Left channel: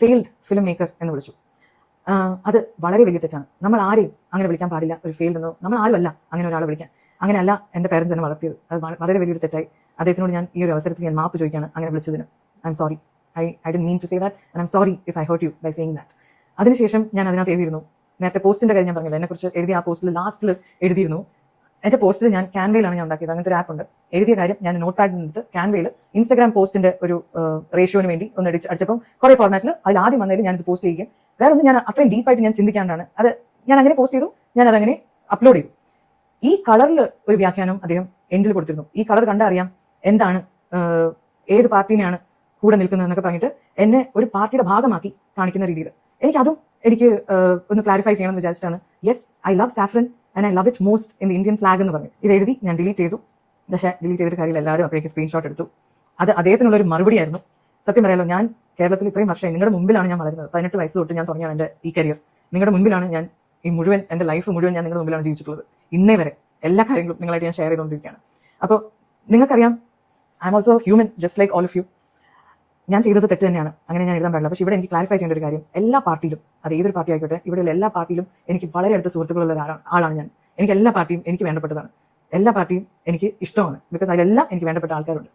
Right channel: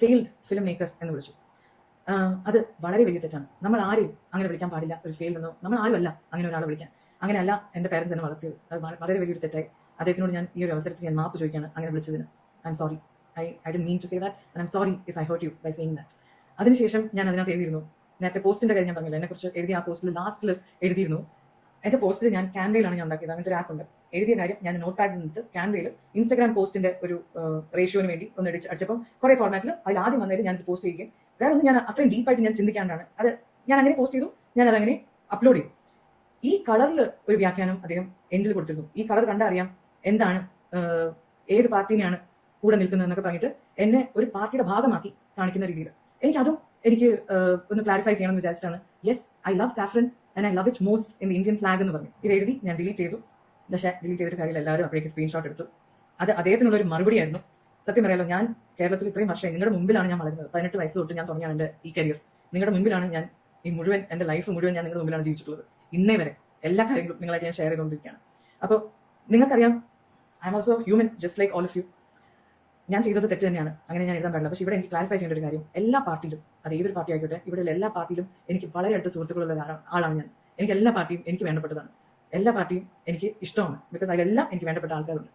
Failed film maker എന്ന് വിളിച്ചു. അത് വളരെ വലിയ തെറ്റാണ്. നമ്മൾ ആരെയും അങ്ങനെ വിളിക്കാൻ പാടില്ല. ഒരു ഫെയിൽഡ് എന്നോ നമ്മൾ ആരുമല്ല അങ്ങനെ ഒരാളെ വിളിക്കാൻ. അങ്ങനെയല്ല എൻ്റെ പേരൻസ് എന്നെ വളർത്തിയത്. അത് വളരെ വലിയൊരു തെറ്റായി. അദ്ദേഹത്തിനോട് ഞാൻ ഈ ഒരു അവസരത്തിൽ ഞാൻ മാപ്പ് ചോദിക്കുകയാണ് അങ്ങനെ വിളിച്ചതിന്. I am sorry. I don't mean to say that and I am sorry if I hurt you by saying that. അതിനുശേഷം ഞാൻ അതിനകത്ത് എഴുതിയിരുന്നു, നേരത്തെ പോസ്റ്റിൻ്റെ കാര്യം ഞാൻ പറഞ്ഞില്ല, എന്നെക്കുറിച്ച് എഴുതിയ ആ പോസ്റ്റിൽ ലാസ്റ്റിൽ എഴുതിയിരുന്നു. എൻ്റെ പോസ്റ്റിൽ ഞാൻ ക്യാൻവയിലാണ് ഞാൻ ഉണ്ടാക്കിയത്. അങ്ങനത്തെ ഒരു ആപ്പ് ഉണ്ട്. എഴുതിയ കാര്യം ഞാൻ നോട്ട് പാഡിൽ എടുത്ത് ക്യാൻവയിൽ ഇൻസ്റ്റാഗ്രാം പോസ്റ്റിന്റെ ഒരു റേഷ്യോന് വേണ്ടി ഒന്ന് അടിച്ചപ്പം കുറേ ഫോർമാറ്റിൽ അതിൽ ആദ്യം വന്നതിൽ ഞാനിത് പോസ്റ്റ് ചെയ്യുകയും വേറെ ഒന്നും ഞാൻ അത്രയും ഡീപ്പായിട്ട് ഞാൻ ചിന്തിക്കാണ്ടാണ് അത് ഞാൻ അങ്ങനെ പോസ്റ്റ് ചെയ്തു. ഞാൻ അതങ്ങനെ അപ്ലോഡ് ചെയ്തു. ഈ കളറിൽ ഒരു വ്യാഖ്യാനം അദ്ദേഹം എൻഡിൽ കൊടുത്തിരുന്നു. ഈ കളർ കണ്ടറിയാം എന്താണ്, ഏത് പാർട്ടീനെയാണ് കൂടെ നിൽക്കുന്നത് എന്നൊക്കെ പറഞ്ഞിട്ട് എന്നെ ഒരു പാർട്ടിയുടെ ഭാഗമാക്കി കാണിക്കുന്ന രീതിയിൽ എനിക്ക് ഒന്ന് ക്ലാരിഫൈ ചെയ്യണമെന്ന് വിചാരിച്ചിട്ടാണ്. Yes, I love saffron and I love it most in the Indian flag എന്ന് പറഞ്ഞു. ഇത് എഴുതി ഞാൻ ഡിലീറ്റ് ചെയ്തു. പക്ഷേ ഡിലീറ്റ് ചെയ്തിട്ട് കാര്യമില്ല, എല്ലാവരും അപ്പോഴേക്ക് സ്ക്രീൻഷോട്ട് എടുത്തു. അത് അദ്ദേഹത്തിനുള്ളൊരു മറുപടിയായിരുന്നു. സത്യം പറയാലോ, ഞാൻ കേരളത്തിൽ ഇത്രയും വർഷം നിങ്ങളുടെ മുമ്പിലാണ് ഞാൻ വളരുന്നത്. 18 വയസ്സ് തൊട്ട് ഞാൻ തുടങ്ങിയാണ് എൻ്റെ ഈ കരിയർ. നിങ്ങളുടെ മുമ്പിലാണ് ഞാൻ ഈ മുഴുവൻ എൻ്റെ ലൈഫ് മുഴുവൻ ഞാൻ നിങ്ങളുടെ മുമ്പിലാണ് ജീവിച്ചിട്ടുള്ളത്. ഇന്നേ വരെ എല്ലാ കാര്യങ്ങളും നിങ്ങളായിട്ട് ഞാൻ ഷെയർ ചെയ്തുകൊണ്ടിരിക്കുകയാണ്. അപ്പോൾ നിങ്ങൾക്കറിയാം, I am also human just like all of you. ഞാൻ ചെയ്തത് തെറ്റ് തന്നെയാണ്, അങ്ങനെ ഞാൻ എഴുതാൻ പാടില്ല. പക്ഷേ ഇവിടെ എനിക്ക് ക്ലാരിഫൈ ചെയ്യേണ്ട ഒരു കാര്യം, എല്ലാ പാർട്ടിയിലും, അത് ഏതൊരു പാർട്ടി ആയിക്കോട്ടെ, ഇവിടെയുള്ള എല്ലാ പാർട്ടിയിലും എനിക്ക് വളരെ അടുത്ത സുഹൃത്തുക്കളുള്ള ആളാണ് ഞാൻ. എനിക്ക് എല്ലാ പാർട്ടിയും എനിക്ക് വേണ്ടപ്പെട്ടതാണ്. എല്ലാ പാർട്ടിയും എനിക്ക് ഇഷ്ടമാണ്. ബിക്കോസ് അതിലെല്ലാം എനിക്ക് വേണ്ടപ്പെട്ട ആൾക്കാരുണ്ട്.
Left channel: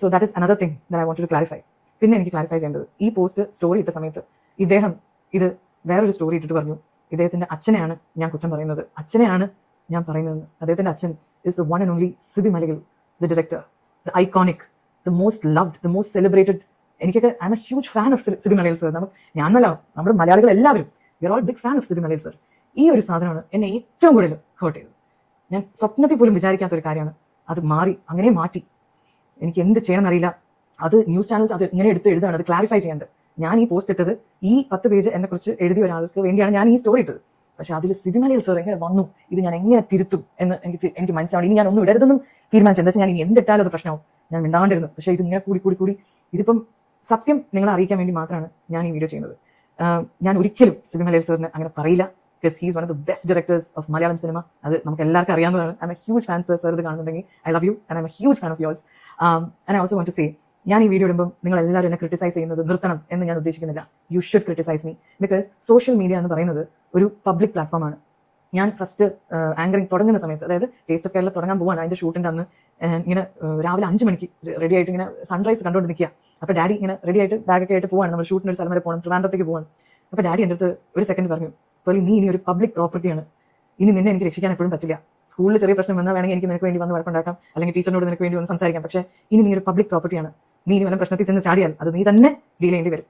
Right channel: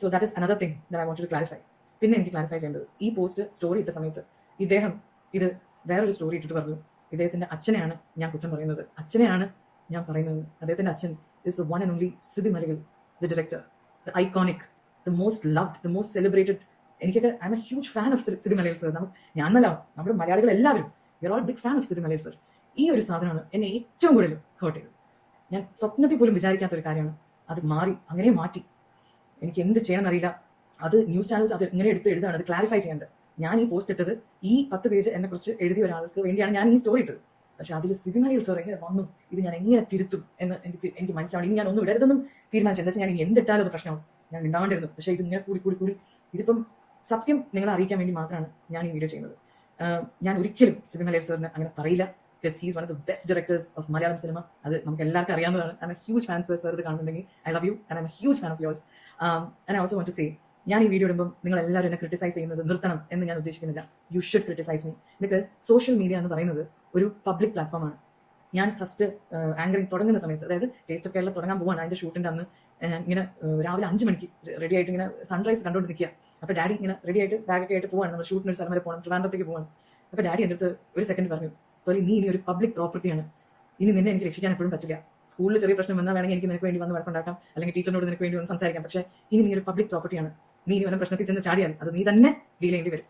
So that is another thing that I want to clarify. പിന്നെ എനിക്ക് ക്ലാരിഫൈ ചെയ്യേണ്ടത്, ഈ പോസ്റ്റ് സ്റ്റോറി ഇട്ട സമയത്ത് ഇദ്ദേഹം ഇത് വേറൊരു സ്റ്റോറി ഇട്ടിട്ട് പറഞ്ഞു, ഇദ്ദേഹത്തിൻ്റെ അച്ഛനെയാണ് ഞാൻ കുറ്റം പറയുന്നത്, അച്ഛനെയാണ് ഞാൻ പറയുന്നത്. അദ്ദേഹത്തിൻ്റെ അച്ഛൻ is the one and only Sibi മലയിൽ, the director, the iconic, the most loved, the most celebrated. എനിക്കൊക്കെ I am a huge fan of Sibi Malayil sir. ഞാനല്ല, നമ്മുടെ മലയാളികൾ എല്ലാവരും we are all big fan of Sibi Malayil sir. ഈ ഒരു സാധനമാണ് എന്നെ ഏറ്റവും കൂടുതൽ ഹേർട്ട് ചെയ്തത്. ഞാൻ സ്വപ്നത്തിൽ പോലും വിചാരിക്കാത്തൊരു കാര്യമാണ്. അത് അങ്ങനെ മാറ്റി. എനിക്ക് എന്ത് ചെയ്യണമെന്നറിയില്ല. അത് ന്യൂസ് ചാനൽസ് അത് ഇങ്ങനെ എടുത്ത് എഴുതാണ്, അത് ക്ലാരിഫൈ ചെയ്യേണ്ടത്. ഞാൻ ഈ പോസ്റ്റ് ഇട്ടത് ഈ 10 പേജ് എന്നെക്കുറിച്ച് എഴുതിയ ഒരാൾക്ക് വേണ്ടിയാണ് ഞാൻ ഈ സ്റ്റോറി ഇട്ടത്. പക്ഷെ അതിൽ സിബി മലയിൽ സർ എങ്ങനെ വന്നു, ഇത് ഞാൻ എങ്ങനെ തിരുത്തും എന്ന് എനിക്ക് മനസ്സിലാവും. ഇനി ഞാൻ ഒന്നും ഇടരുതെന്നും തീരുമാനിച്ചു. എന്താ വെച്ചാൽ ഞാൻ ഇനി എന്തിട്ടാലും അത് പ്രശ്നമാവും. ഞാൻ മിണ്ടാണ്ടിരുന്നു. പക്ഷേ ഇത് ഇങ്ങനെ കൂടി ഇതിപ്പം സത്യം നിങ്ങളെ അറിയിക്കാൻ വേണ്ടി മാത്രമാണ് ഞാൻ ഈ വീഡിയോ ചെയ്യുന്നത്. ഞാൻ ഒരിക്കലും സിബി മലയിൽ സാറിന് അങ്ങനെ പറയില്ല. Because he's one of the best directors of Malayalam cinema. അത് നമുക്ക് എല്ലാവർക്കും അറിയാവുന്നതാണ്. I am a huge fan sir. ഇത് കാണുന്നുണ്ടെങ്കിൽ I love you and I am a huge fan of yours. And I also want to say, ഞാൻ ഈ video ഇടുമ്പോൾ നിങ്ങൾ എല്ലാവരും എന്നെ ക്രിട്ടിസൈസ് ചെയ്യുന്നത് നിർത്തണം എന്ന് ഞാൻ ഉദ്ദേശിക്കുന്നില്ല. You should criticise me. Because social media എന്ന് പറയുന്നത് ഒരു പബ്ലിക് പ്ലാറ്റ്ഫോമാണ്. ഞാൻ ഫസ്റ്റ് ആങ്കറിങ് തുടങ്ങുന്ന സമയത്ത്, അതായത് ടേസ്റ്റ് ഓഫ് കേരള തുടങ്ങാൻ പോവാണ്, അതിൻ്റെ ഷൂട്ടിൻ്റെ അന്ന് ഇങ്ങനെ രാവിലെ 5 മണിക്ക് റെഡി ആയിട്ട് ഇങ്ങനെ സൺറൈസ് കണ്ടുകൊണ്ട് നിൽക്കുക. അപ്പോൾ ഡാഡി ഇങ്ങനെ റെഡി ആയിട്ട് ബാഗൊക്കെ ആയിട്ട് പോവാണ്. നമ്മൾ ഷൂട്ടിന് ഒരു സ്ഥലം വരെ പോകണം, ട്രിവാൻഡ്രത്തേക്ക് പോവാണ്. അപ്പോൾ ഡാഡി എൻ്റെ അടുത്ത് ഒരു സെക്കൻഡ് പറഞ്ഞു, അപ്പോൾ നീ ഇനി ഒരു പബ്ലിക് പ്രോപ്പർട്ടിയാണ്, ഇനി നിന്നെ എനിക്ക് രക്ഷിക്കാൻ എപ്പോഴും പറ്റില്ല. സ്കൂളിൽ ചെറിയ പ്രശ്നം വന്നാൽ വേണമെങ്കിൽ എനിക്ക് നിനക്ക് വേണ്ടി വന്ന് വഴക്കുണ്ടാക്കാം, അല്ലെങ്കിൽ ടീച്ചറിനോട് നിനക്ക് വേണ്ടി വന്ന് സംസാരിക്കാം. പക്ഷേ ഇനി നീ ഒരു പബ്ലിക് പ്രോപ്പർട്ടിയാണ്. നീ ഇനി വല്ല പ്രശ്നത്തിൽ ചെന്ന് ചാടിയാൽ അത് നീ തന്നെ ഡീൽ ചെയ്യേണ്ടി വരും.